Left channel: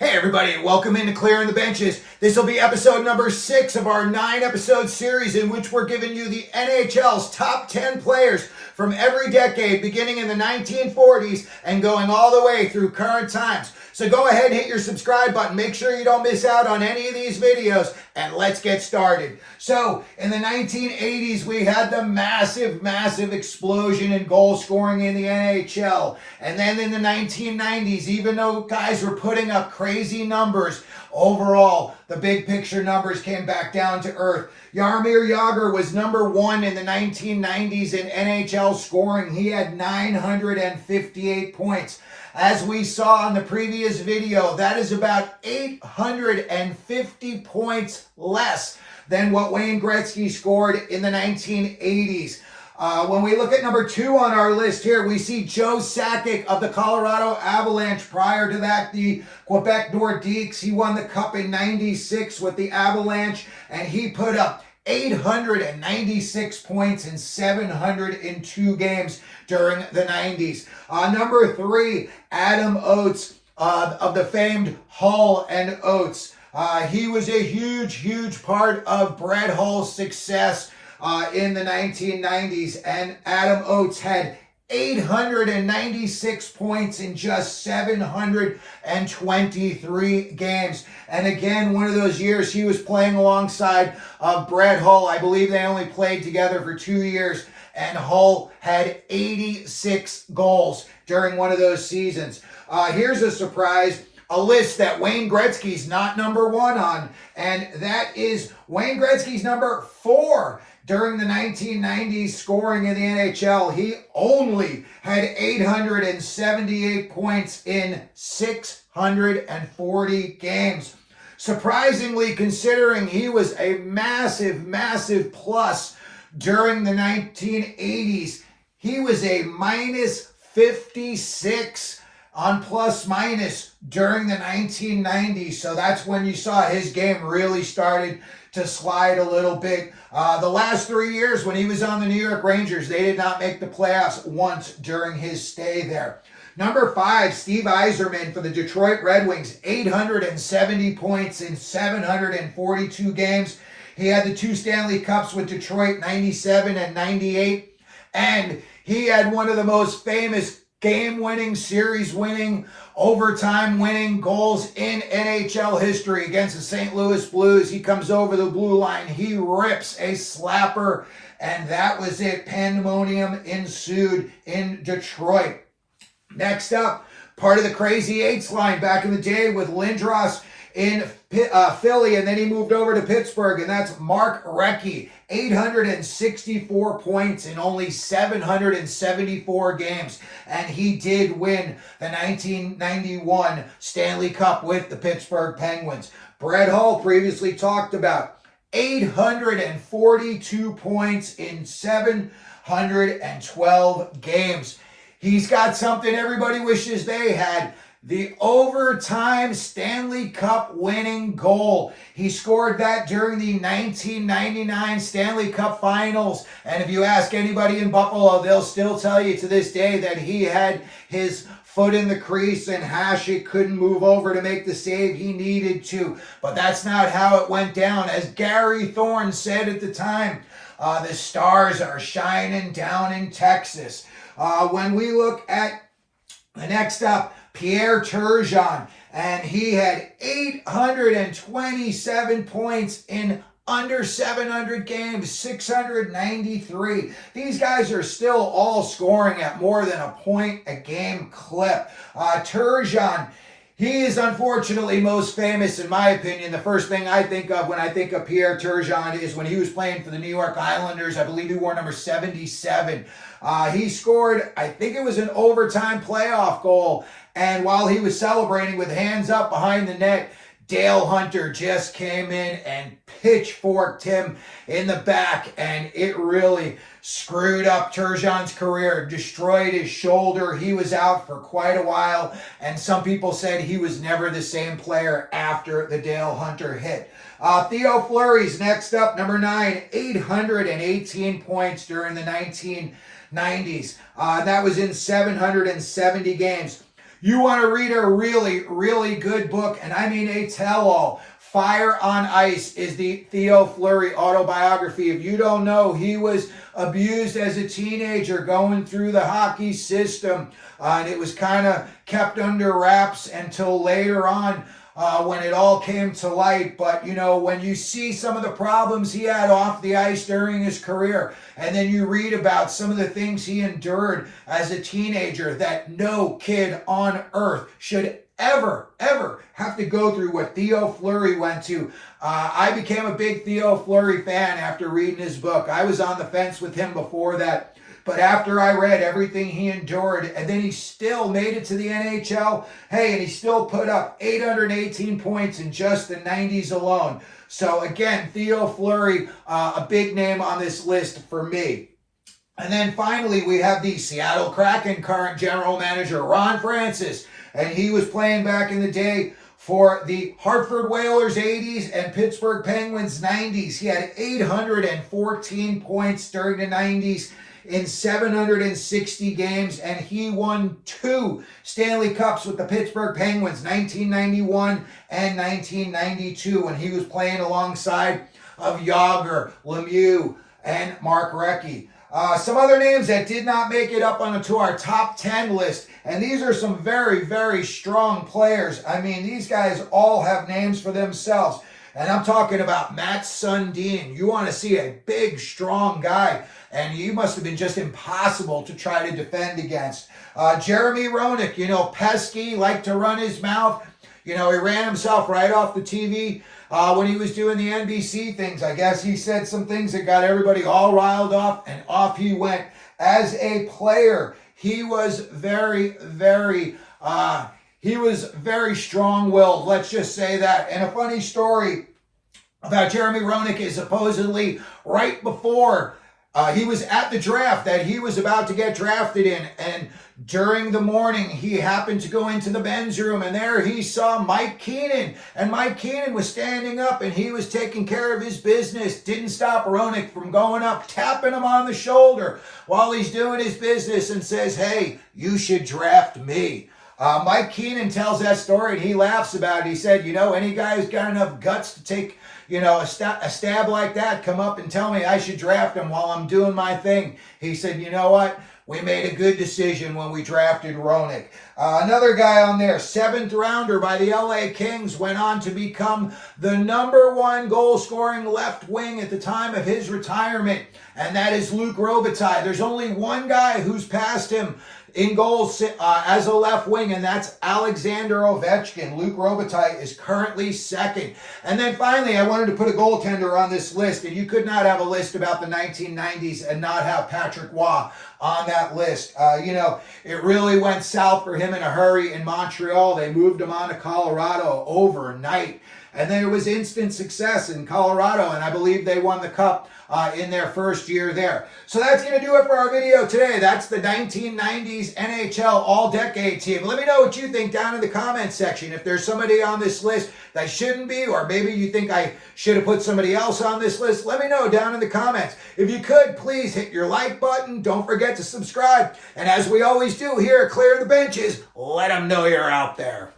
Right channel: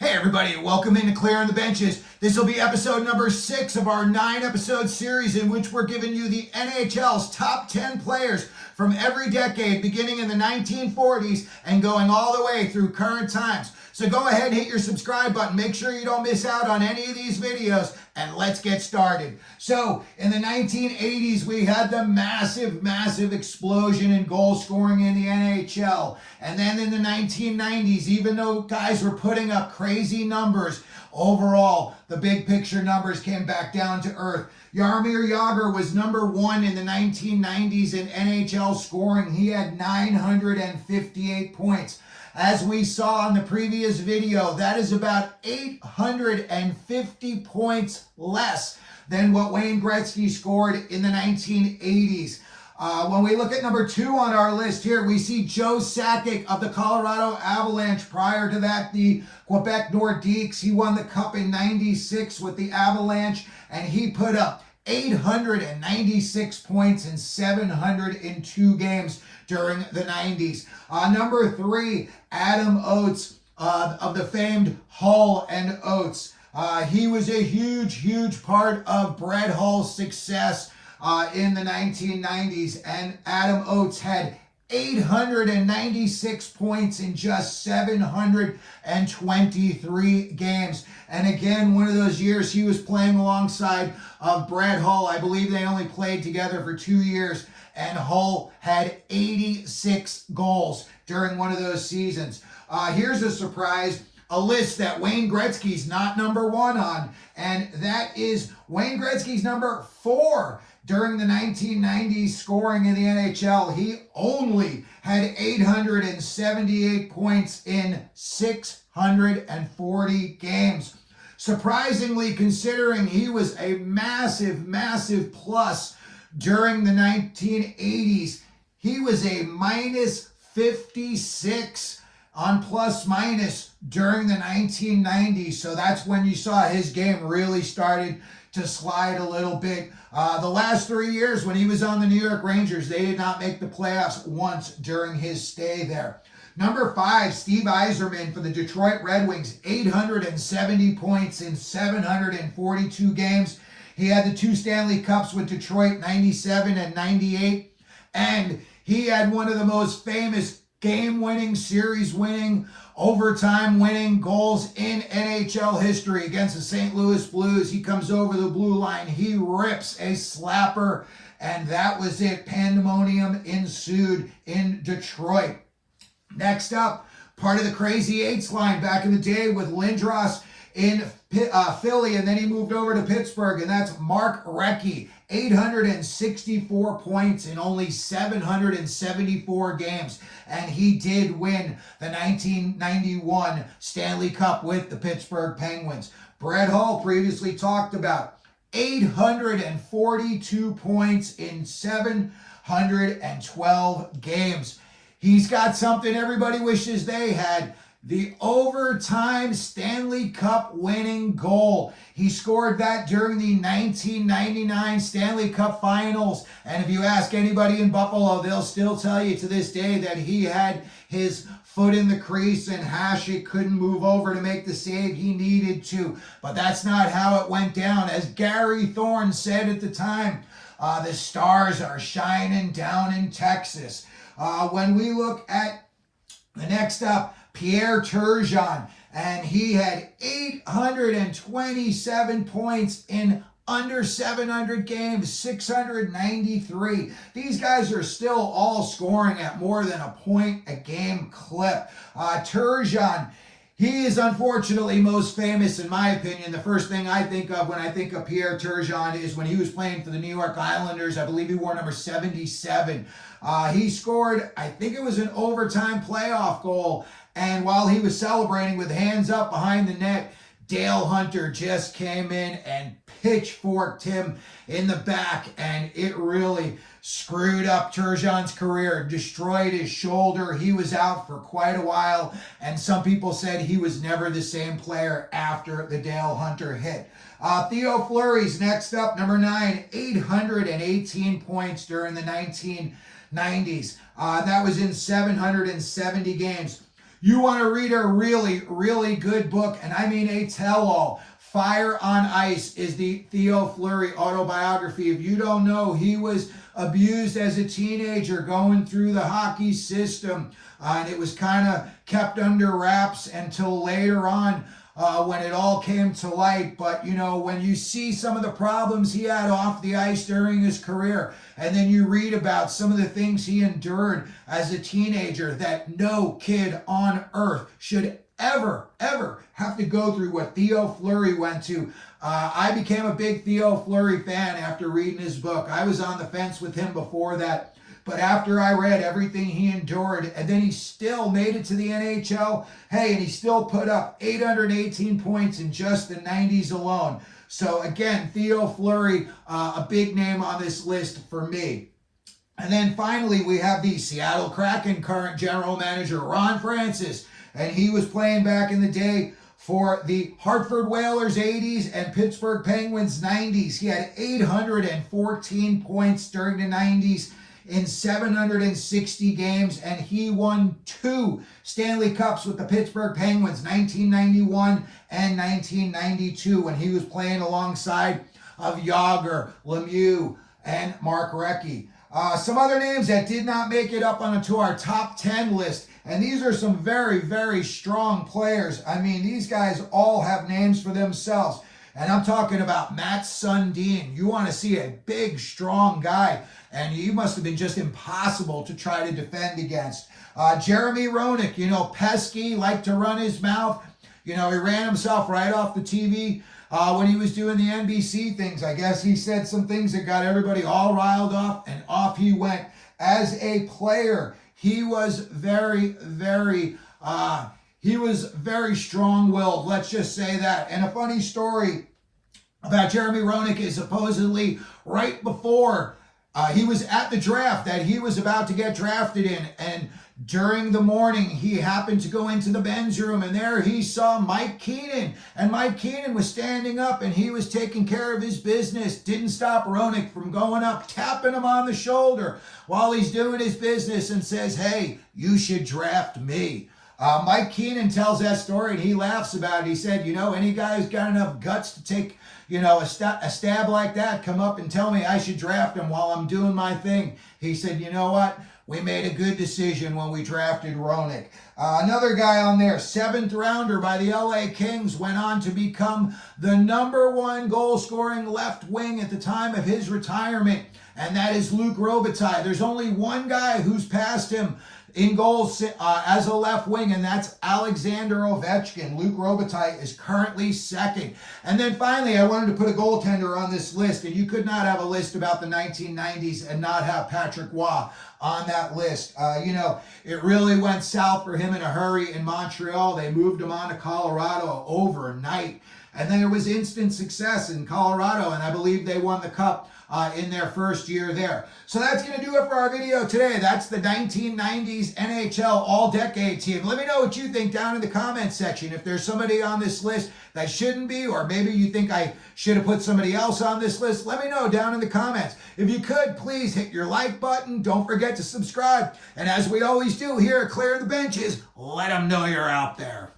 Hey everybody, and welcome into Clearing the Benches. This will be episode number 6 of our 9-episode series in which we're giving you the NHL's top 10 players from every decade, beginning in the 1940s and going all the way through current times. So go ahead and hit your subscribe button. Make sure you don't miss out on any of these videos, and let's get started. So, in the 1980s, we had the massive explosion in goal scoring in the NHL. And then in the 1990s, even though guys were putting up crazy numbers, overall, the big picture numbers came back down to earth. Jaromir Jagr was number 1 in the 1990s in NHL scoring. He had 958 points. As we saw in the previous video, that is about 850 points less than what Wayne Gretzky scored in the 1980s. When we look at number 2 on our list here, we see Joe Sakic of the Colorado Avalanche. Prior to that, the Quebec Nordiques. He won the Cup in '96 with the Avalanche, and he put up 896 points in 702 games during the 90s. Number 3, Adam Oates of the famed Hull and Oates. He was a huge part of Brett Hull's success in the 1990s, and Adam Oates had 896 points in just 723 games. And again, one of those years he was playing alongside Brett Hull. I believe they only played together for 2 years, and Hull had 86 goals during one of those seasons. Here's a surprise. A list that Wayne Gretzky's not number 1 on, and that is Wayne Gretzky's number 4 during the 1990s scoring in the NHL. He only had 878 points in 640 games. Surprisingly, considering he was a massive plus during the 1980s, he was a minus 56 on plus minus during the 1990s. So that's when you saw his game really started to slide a little bit. The last 3 years when he was on the New York Rangers, they did not make the playoffs once during his stay there. Number 5, Steve Yzerman for the Detroit Red Wings, 870 points in 742 games. He had the 2 Stanley Cups with Detroit, 97 and 98. And he had one of the most famous game-winning, series-winning, overtime-winning goals in NHL history against the St. Louis Blues. He comes over the blue line. He rips a slapper, and that was it. Pandemonium ensued in Detroit. Next up, part of the Crazy Eights line back in the day with Lindros in Philly, and then he moved over to Pittsburgh, and that's Mark Recchi. 864 points in only 774 games, and he did win the 1991 Stanley Cup with the Pittsburgh Penguins. Brett Hull, previously talked about, 842 points in 712 games. He's got something everybody wishes they had. The overtime Stanley Cup winning goal. He scored that during the 1999 Stanley Cup Finals. And if you ask anybody in Buffalo, they'll still tell you to this day that he had his foot in the crease and Hasek couldn't move over to make the save he needed to. But that's not how it went down. As Gary Thorne said at the time, the stars are shining down in Texas. When we look at the next up, Pierre Turgeon, and he had 827 points in under 700 games, 693. These guys are still all scoring at more than a point a game clip. Turgeon, he is unfortunately most famous, in my opinion. The first thing I think of when I think of Pierre Turgeon is when he was playing for the New York Islanders. I believe he wore number 77. He scored, I think it was an overtime playoff goal, and while he was celebrating with hands up behind the net, Dale Hunter just came in and pitchforked him in the back, and it really screwed up Turgeon's career, destroyed his shoulder. He was out for quite a while, and some people said he was never the same player after the Dale Hunter hit. Theo Fleury's next up, number 9, 818 points during the 1990s. That was in 770 games. You want to read a really, really good book, and I mean a tell-all. Fire on Ice is the Theo Fleury autobiography. If you don't know, he was abused as a teenager going through the hockey system, and it was kind of kept under wraps until later on when it all came to light. But, you know, when you see some of the problems he had off the ice during his career, and then you read about some of the things he endured as a teenager that no kid on earth should ever have to go through what Theo Fleury went to. I became a big Theo Fleury fan after reading his book. I was on the fence with him before that, but after I read everything he endured, and then he still made it to the NHL, hey, and he still put up 818 points in just the 90s alone. So again, Theo Fleury, a big name on this list for me. And then finally, we have the Seattle Kraken current general manager, Ron Francis. And he was playing back in the day for the Hartford Whalers 80s and Pittsburgh Penguins 90s. He had 814 points during the 90s in 760 games, and he won 2 Stanley Cups with the Pittsburgh Penguins, 1991 and 1992, when he was playing alongside of Jagr, Lemieux, and Mark Recchi. Some other names that did not make it up onto our top 10 list, and these are some very, very strong players. I mean, these guys all have names for themselves, and I'm talking about Matt Sundin. You want to see a big, strong guy, and he must have been just impossible to try to defend against. Jaromir Jagr, you know, pesky, liked to run his mouth. You know, he ran himself right off the TV. When he was doing the NBC things, I guess he said some things that got everybody all riled up, and off he went. As a player, he was very strong-willed, let's just say that. And a funny story about Jaromir Jagr is supposedly right before he was at the draft that he was about to get drafted in, and during the morning, he happened to go into the men's room, and there he saw Mike Keenan. And Mike Keenan was standing up, and he was taking care of his business. Didn't stop Roenick from going up, tapping him on the shoulder while he's doing his business, and says, "Hey, you should draft me." Mike Keenan tells that story, and he laughs about it. He said, you know, any guy who's got enough guts to take, you know, a stab like that, come up and tell me I should draft him while I'm doing my thing. He said, you know what? We made a good decision when we drafted Roenick. Another guy on there, 7th rounder by the LA Kings, went on to become the #1 goal-scoring left wing at the time of his retirement, and that is Luc Robitaille. There's only one guy who's passed him in goals as a left wing, and that's Alexander Ovechkin. Luc Robitaille is currently 2nd. And then finally, I wanted to put a goaltender on this list, and you could not have a list about the 1990s and not have Patrick Roy on that list. You know, it really went south for him in a hurry in Montreal. They moved him on to Colorado overnight. And then it was instant success in Colorado, and I believe they won the Cup in their first year there. So that's going to do it for our video today. That's the 1990s NHL All-Decade Team. Let me know what you think down in the comments section. If there's somebody on this list that shouldn't be, or maybe you think I should have put somebody else on this list, let me know down in the comments. If you could, please hit your like button. Don't forget to subscribe. And as we always do here at Clear the Benches, let them know you're out there.